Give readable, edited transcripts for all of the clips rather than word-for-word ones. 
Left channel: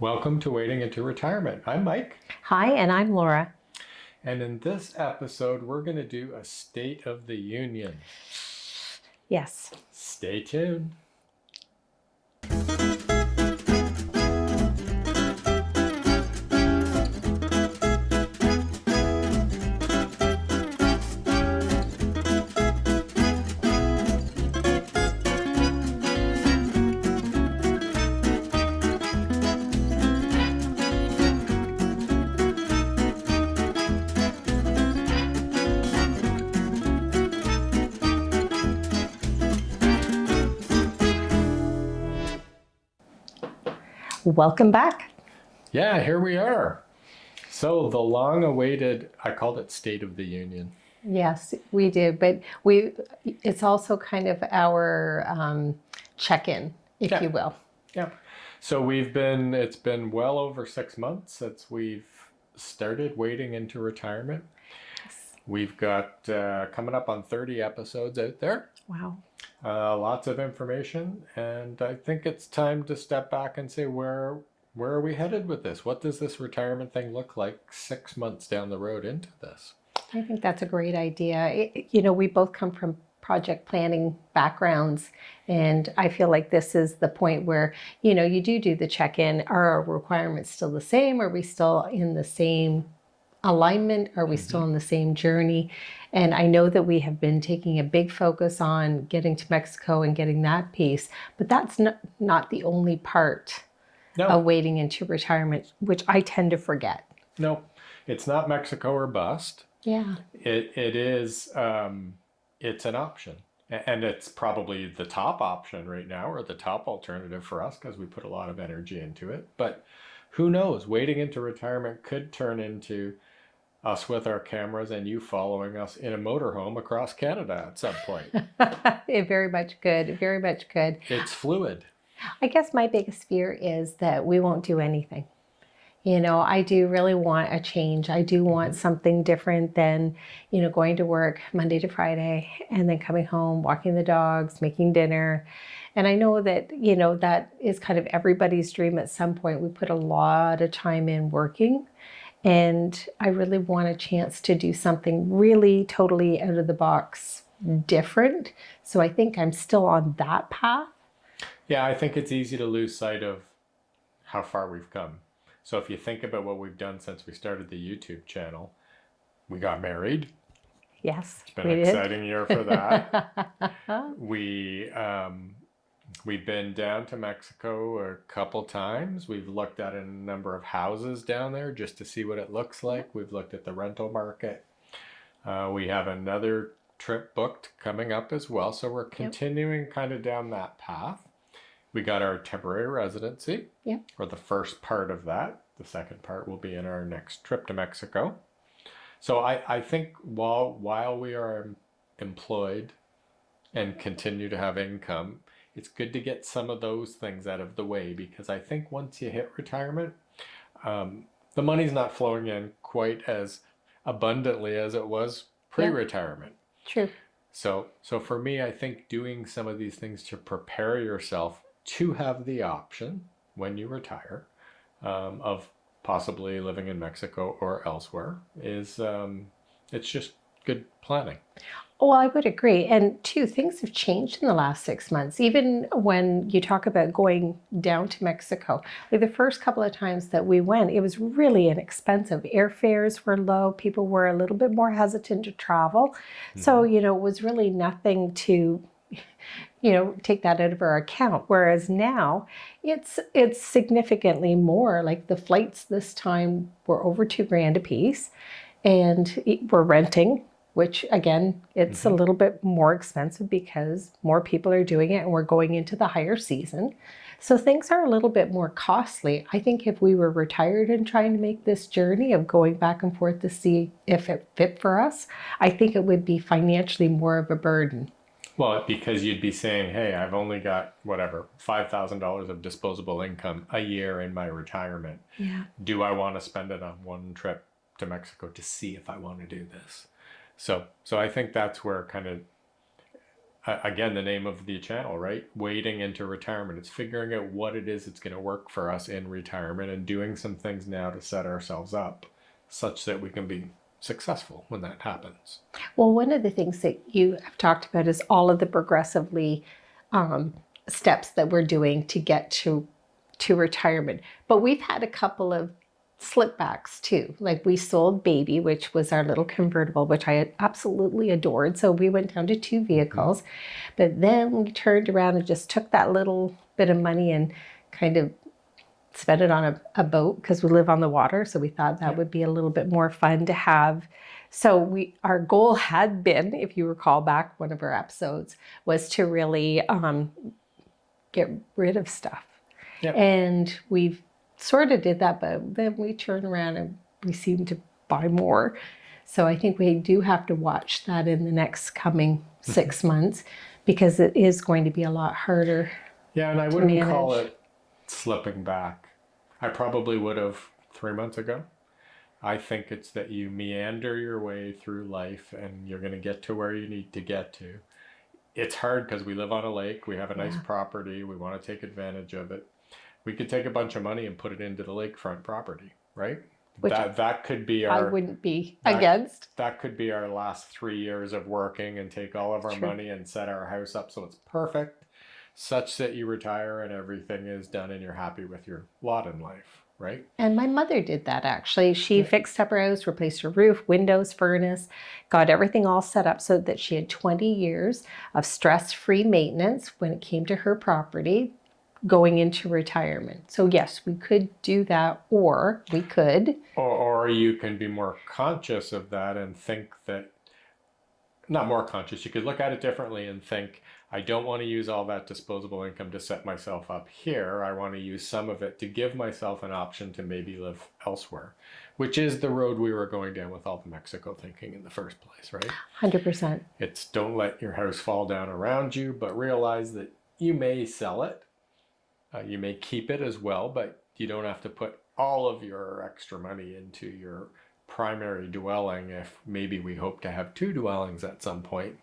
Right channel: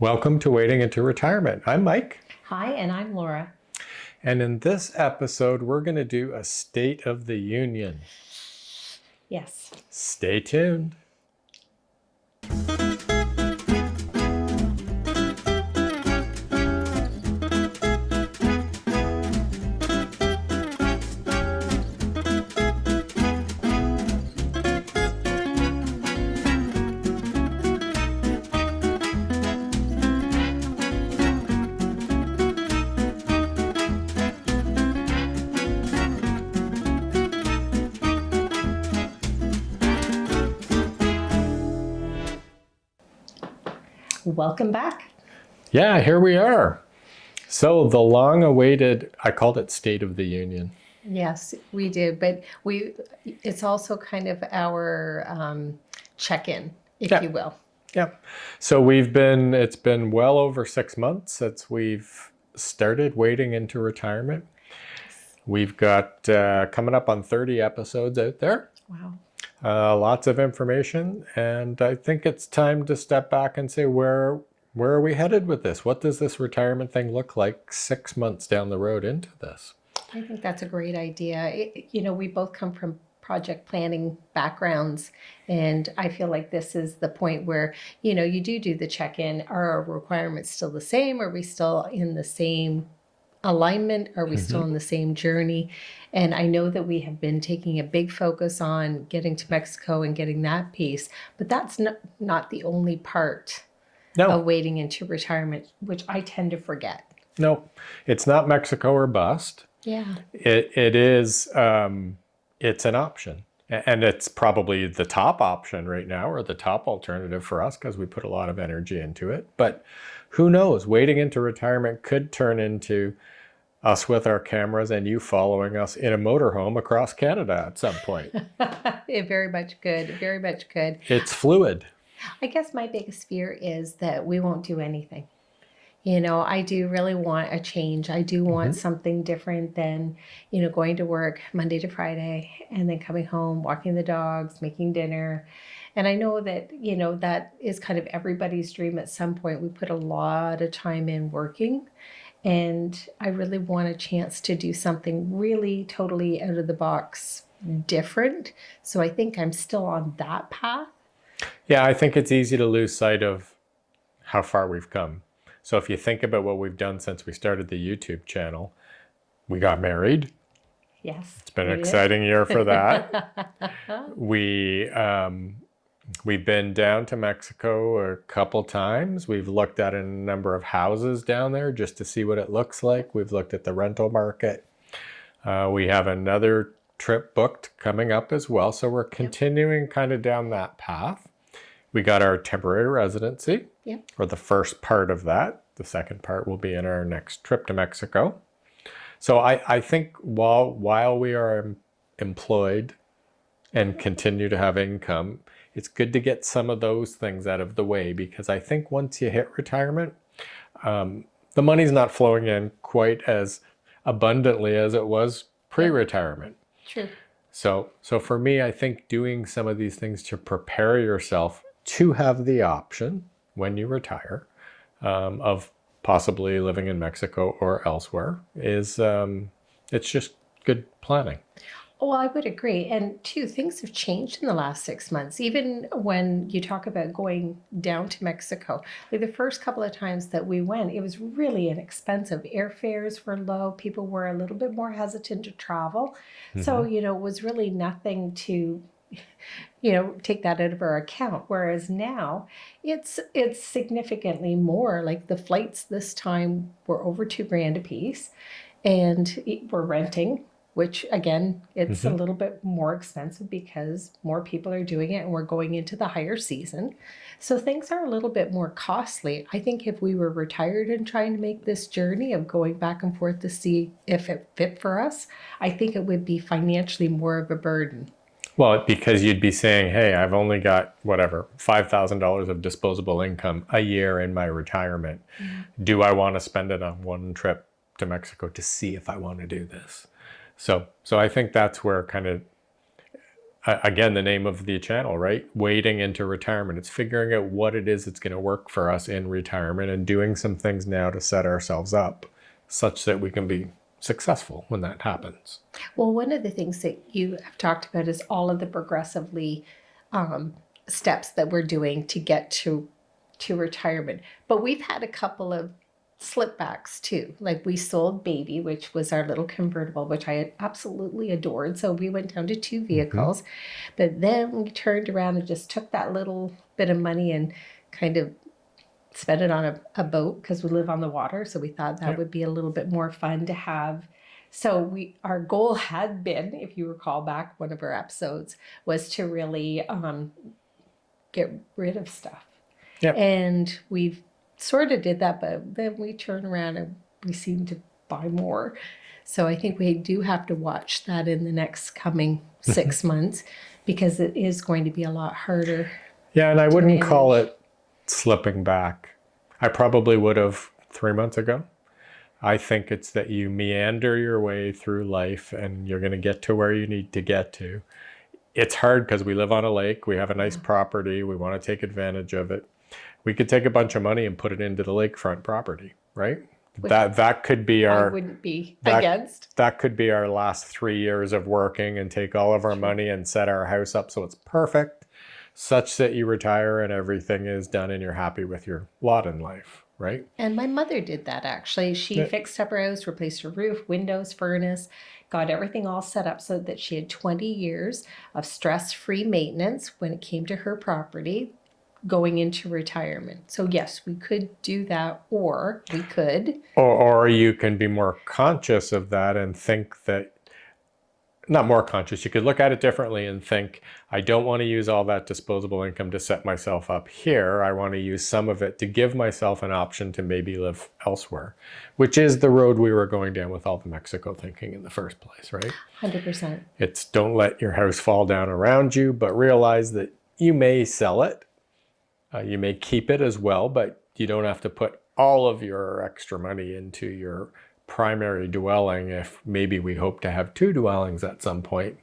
Welcome to Wading into Retirement. I'm Mike. Hi, and I'm Laura. And in this episode, we're going to do a State of the Union. Yes. Stay tuned. Welcome back. Yeah, here we are. So the long-awaited, I called it State of the Union. Yes, we did, but it's also kind of our check-in, if you will. Yeah. So it's been well over 6 months since we've started wading into retirement. Yes. We've got coming up on 30 episodes out there. Wow. Lots of information, and I think it's time to step back and say, where are we headed with this? What does this retirement thing look like 6 months down the road into this? I think that's a great idea. We both come from project planning backgrounds, and I feel like this is the point where, you do the check-in. Are our requirements still the same? Are we still in the same alignment? Are we still in the same journey? And I know that we have been taking a big focus on getting to Mexico and getting that piece, but that's not the only part of wading into retirement, which I tend to forget. No, it's not Mexico or bust. Yeah. It is, it's an option. And it's probably the top option right now, or the top alternative for us, because we put a lot of energy into it. But who knows? Wading into retirement could turn into us with our cameras and you following us in a motorhome across Canada at some point. It very much could. Very much could. It's fluid. I guess my biggest fear is that we won't do anything. I do really want a change. I do want something different than, going to work Monday to Friday and then coming home, walking the dogs, making dinner. And I know that, that is kind of everybody's dream at some point. We put a lot of time in working. And I really want a chance to do something really totally out of the box different. So I think I'm still on that path. Yeah, I think it's easy to lose sight of how far we've come. So if you think about what we've done since we started the YouTube channel, we got married. Yes. It's been an exciting year for that. We've been down to Mexico a couple times. We've looked at a number of houses down there just to see what it looks like. We've looked at the rental market. We have another trip booked coming up as well. So we're continuing kind of down that path. We got our temporary residency, or the first part of that. The second part will be in our next trip to Mexico. So I think while we are employed and continue to have income, it's good to get some of those things out of the way, because I think once you hit retirement, the money's not flowing in quite as abundantly as it was pre-retirement. True. So for me, I think doing some of these things to prepare yourself to have the option when you retire of possibly living in Mexico or elsewhere is it's just good planning. Well, I would agree. And two, things have changed in the last 6 months. Even when you talk about going down to Mexico, like the first couple of times that we went, it was really inexpensive. Airfares were low. People were a little bit more hesitant to travel. So, it was really nothing to, take that out of our account. Whereas now it's significantly more. Like the flights this time were over $2,000 a piece, and we're renting, which again, it's a little bit more expensive because more people are doing it and we're going into the higher season. So things are a little bit more costly. I think if we were retired and trying to make this journey of going back and forth to see if it fit for us, I think it would be financially more of a burden. Well, because you'd be saying, hey, I've only got whatever, $5,000 of disposable income a year in my retirement. Do I want to spend it on one trip to Mexico to see if I want to do this? So I think that's where kind of again, the name of the channel, right? Wading into retirement. It's figuring out what it is that's going to work for us in retirement and doing some things now to set ourselves up such that we can be successful when that happens. Well, one of the things that you have talked about is all of the progressively um, steps that we're doing to get to retirement. But we've had a couple of slipbacks too. Like we sold Baby, which was our little convertible, which I absolutely adored. So we went down to two vehicles. But then we turned around and just took that little bit of money and kind of spent it on a boat because we live on the water. So we thought that would be a little bit more fun to have. So our goal had been, if you recall back one of our episodes, was to really get rid of stuff. Yep. And we've sort of did that, but then we turn around and we seem to buy more. So I think we do have to watch that in the next coming 6 months, because it is going to be a lot harder. Yeah, and I wouldn't call it slipping back. I probably would have 3 months ago. I think it's that you meander your way through life and you're going to get to where you need to get to. It's hard because we live on a lake. We have a nice property. We want to take advantage of it. We could take a bunch of money and put it into the lakefront property, right? That could be our... I wouldn't be against. That could be our last 3 years of working and take all of our money and set our house up so it's perfect, such that you retire and everything is done and you're happy with your lot in life, right? And my mother did that actually. She fixed up her house, replaced her roof, windows, furnace, got everything all set up so that she had 20 years of stress-free maintenance when it came to her property going into retirement. So yes, we could do that, or we could. Or you can be more conscious of that and think that, not more conscious, you could look at it differently and think, I don't want to use all that disposable income to set myself up here. I want to use some of it to give myself an option to maybe live elsewhere, which is the road we were going down with all the Mexico thinking in the first place, right? 100%. It's don't let your house fall down around you, but realize that you may sell it. You may keep it as well, but you don't have to put all of your extra money into your primary dwelling. If maybe we hope to have 2 dwellings at some point,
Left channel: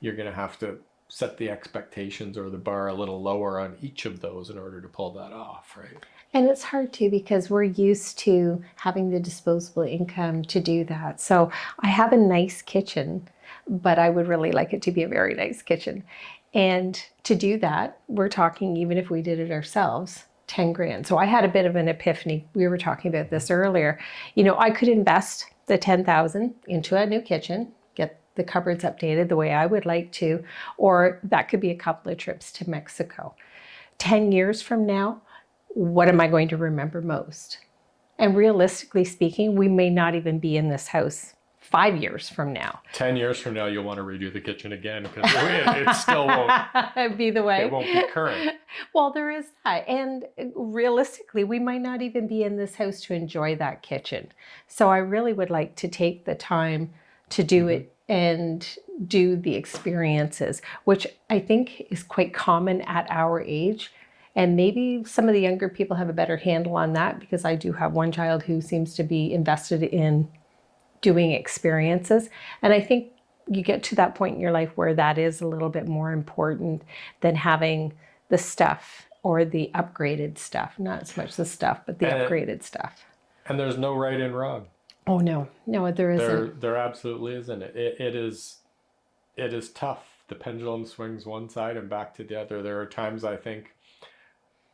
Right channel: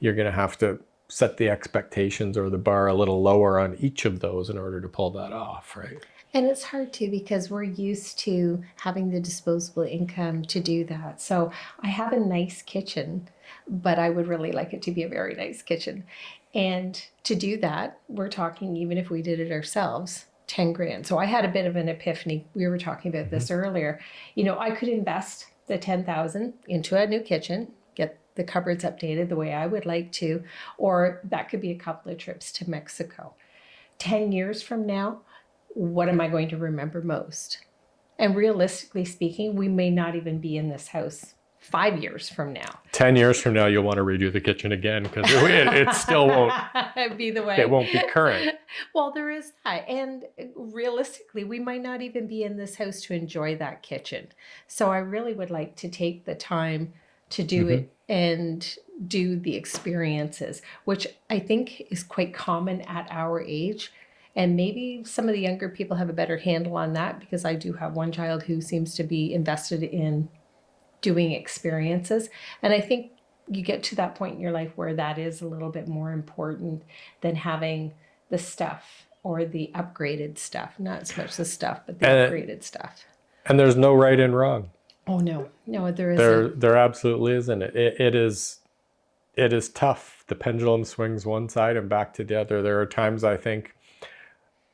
you're going to have to set the expectations or the bar a little lower on each of those in order to pull that off, right? And it's hard too, because we're used to having the disposable income to do that. So I have a nice kitchen, but I would really like it to be a very nice kitchen. And to do that, we're talking, even if we did it ourselves, 10 grand. So I had a bit of an epiphany. We were talking about this earlier. You know, I could invest the 10,000 into a new kitchen, get the cupboards updated the way I would like to, or that could be a couple of trips to Mexico. 10 years from now, what am I going to remember most? And realistically speaking, we may not even be in this house 5 years from now. 10 years from now, you'll want to redo the kitchen again because it still won't be the way. It won't be current. Well, there is that. And realistically, we might not even be in this house to enjoy that kitchen. So I really would like to take the time to do it and do the experiences, which I think is quite common at our age. And maybe some of the younger people have a better handle on that, because I do have one child who seems to be invested in doing experiences. And I think you get to that point in your life where that is a little bit more important than having the stuff or the upgraded stuff. Not so much the stuff, but the upgraded stuff. And there's no right and wrong. Oh, no. No, there isn't. There absolutely isn't. It is tough. The pendulum swings one side and back to the other. There are times I think,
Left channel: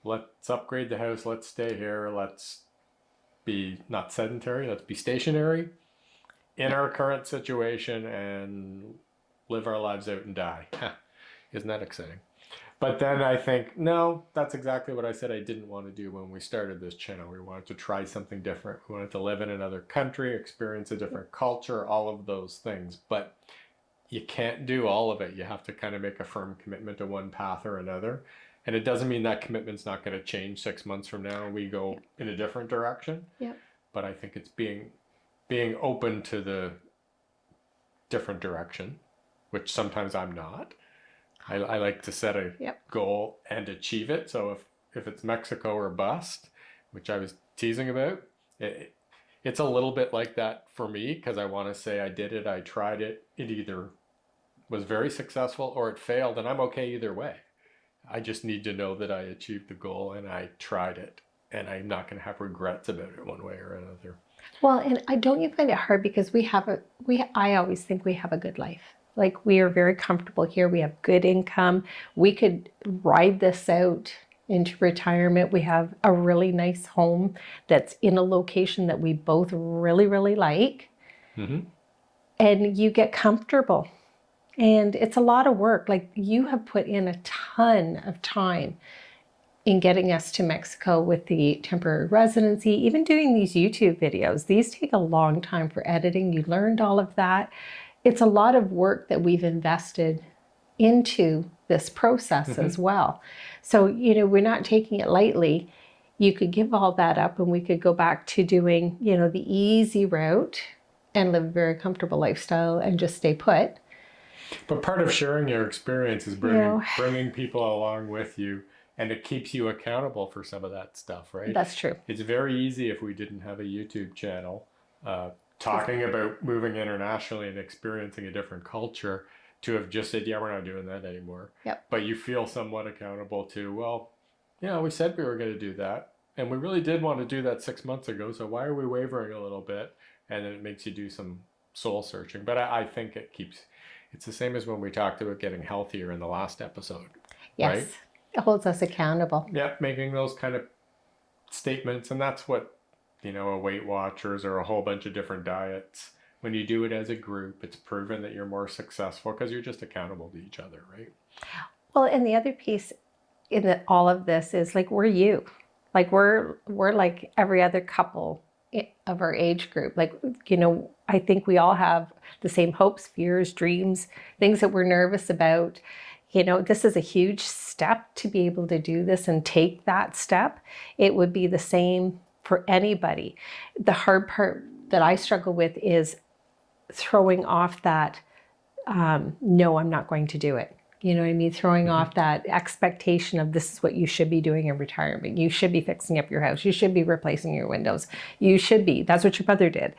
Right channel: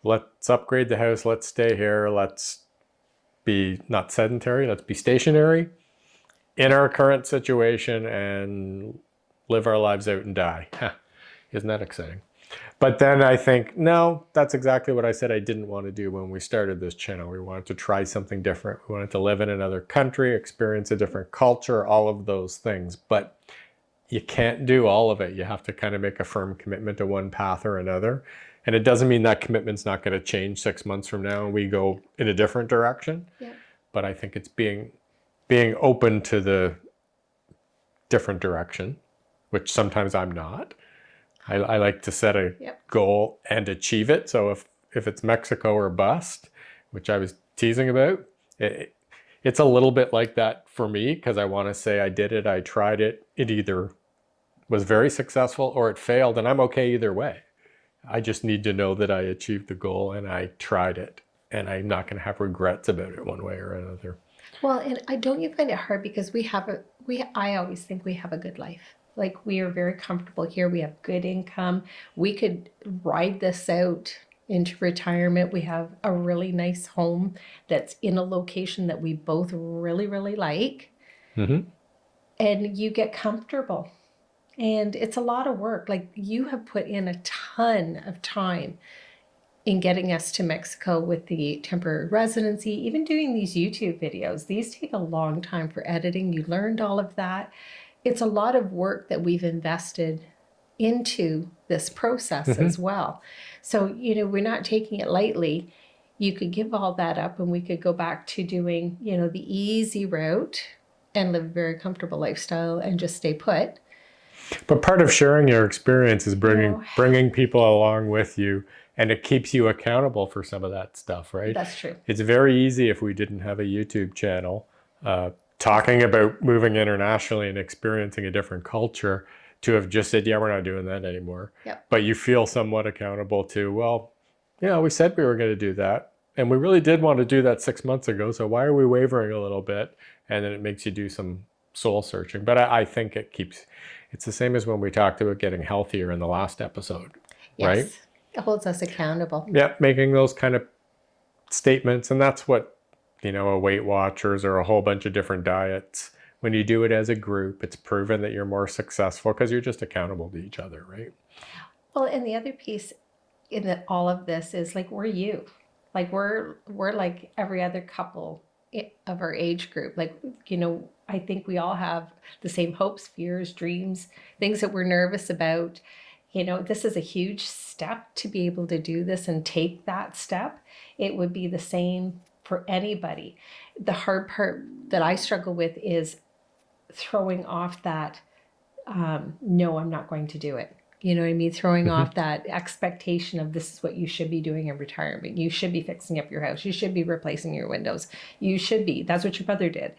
let's upgrade the house. Let's stay here. Let's be not sedentary. Let's be stationary in our current situation and live our lives out and die. Isn't that exciting? But then I think, no, that's exactly what I said I didn't want to do when we started this channel. We wanted to try something different. We wanted to live in another country, experience a different culture, all of those things. But you can't do all of it. You have to kind of make a firm commitment to one path or another. And it doesn't mean that commitment's not going to change 6 months from now and we go in a different direction. Yeah. But I think it's being open to the different direction, which sometimes I'm not. I like to set a goal and achieve it. So if it's Mexico or bust, which I was teasing about, it's a little bit like that for me, because I want to say I did it, I tried it, it either was very successful or it failed, and I'm okay either way. I just need to know that I achieved the goal and I tried it, and I'm not going to have regrets about it one way or another. Well, and I don't you find it hard because I always think we have a good life. Like we are very comfortable here. We have good income. We could ride this out into retirement. We have a really nice home that's in a location that we both really, really like. Mm-hmm. And you get comfortable. And it's a lot of work. Like you have put in a ton of time in getting us to Mexico with the temporary residency, even doing these YouTube videos. These take a long time for editing. You learned all of that. It's a lot of work that we've invested into this process as well. So, we're not taking it lightly. You could give all that up and we could go back to doing, the easy route and live a very comfortable lifestyle and just stay put. But part of sharing your experience is bringing people along with you, and it keeps you accountable for some of that stuff, right? That's true. It's very easy if we didn't have a YouTube channel talking about moving internationally and experiencing a different culture to have just said, yeah, we're not doing that anymore. Yep. But you feel somewhat accountable to, well, we said we were going to do that. And we really did want to do that 6 months ago. So why are we wavering a little bit? And then it makes you do some soul searching. But I think it's the same as when we talked about getting healthier in the last episode. Yes. Right? It holds us accountable. Yeah, making those kind of statements. And that's what, a Weight Watchers or a whole bunch of different diets, when you do it as a group, it's proven that you're more successful because you're just accountable to each other, right? Well, and the other piece in all of this is like we're you. Like we're like every other couple of our age group. Like, I think we all have the same hopes, fears, dreams, things that we're nervous about. This is a huge step to be able to do this and take that step. It would be the same for anybody. The hard part that I struggle with is throwing off that, no, I'm not going to do it. You know what I mean? Throwing off that expectation of this is what you should be doing in retirement. You should be fixing up your house. You should be replacing your windows. You should be. That's what your mother did,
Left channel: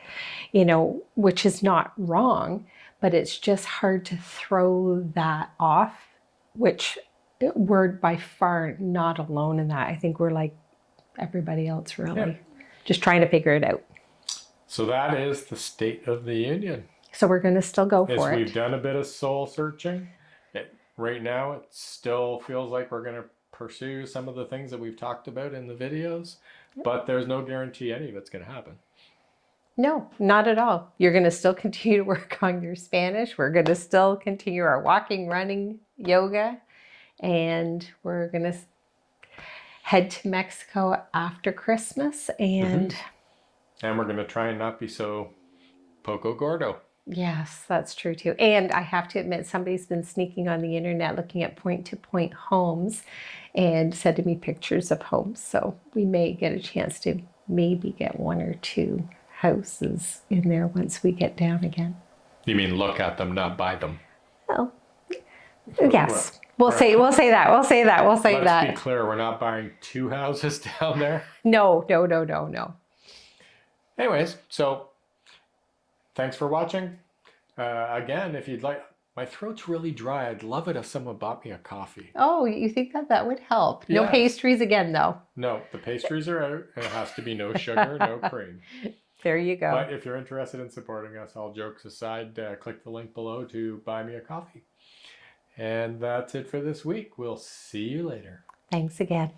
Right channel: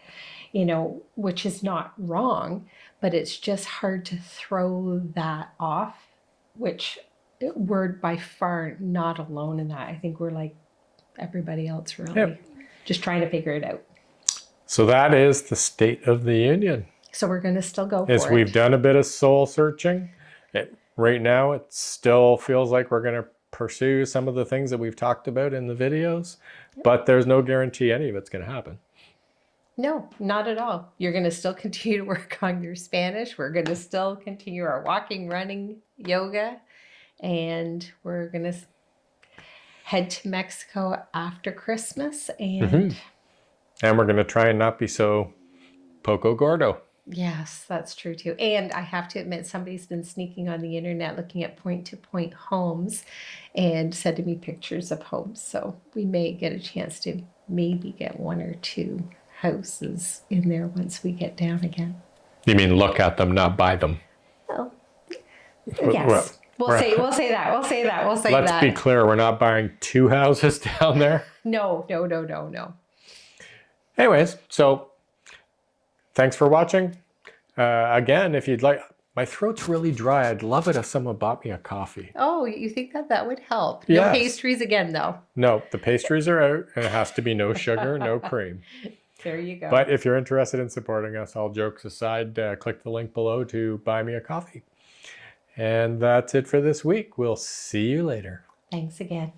which is not wrong, but it's just hard to throw that off, which we're by far not alone in that. I think we're like everybody else, really, just trying to figure it out. So that is the State of the Union. So we're going to still go for it. We've done a bit of soul searching. Right now, it still feels like we're going to pursue some of the things that we've talked about in the videos, but there's no guarantee any of it's going to happen. No, not at all. You're going to still continue to work on your Spanish. We're going to still continue our walking, running, yoga, and we're going to head to Mexico after Christmas. And we're going to try and not be so poco gordo. Yes, that's true too. And I have to admit, somebody's been sneaking on the internet looking at point-to-point homes and sending me pictures of homes. So we may get a chance to maybe get 1 or 2 houses in there once we get down again. You mean look at them, not buy them? Well, yes. We'll say that. Let's be clear, we're not buying 2 houses down there. No. Anyways, so thanks for watching. Again, if you'd like, my throat's really dry. I'd love it if someone bought me a coffee. Oh, you think that would help? No pastries again, though. No, the pastries are out, and it has to be no sugar, no cream. There you go. But if you're interested in supporting us, all jokes aside, click the link below to buy me a coffee. And that's it for this week. We'll see you later. Thanks again.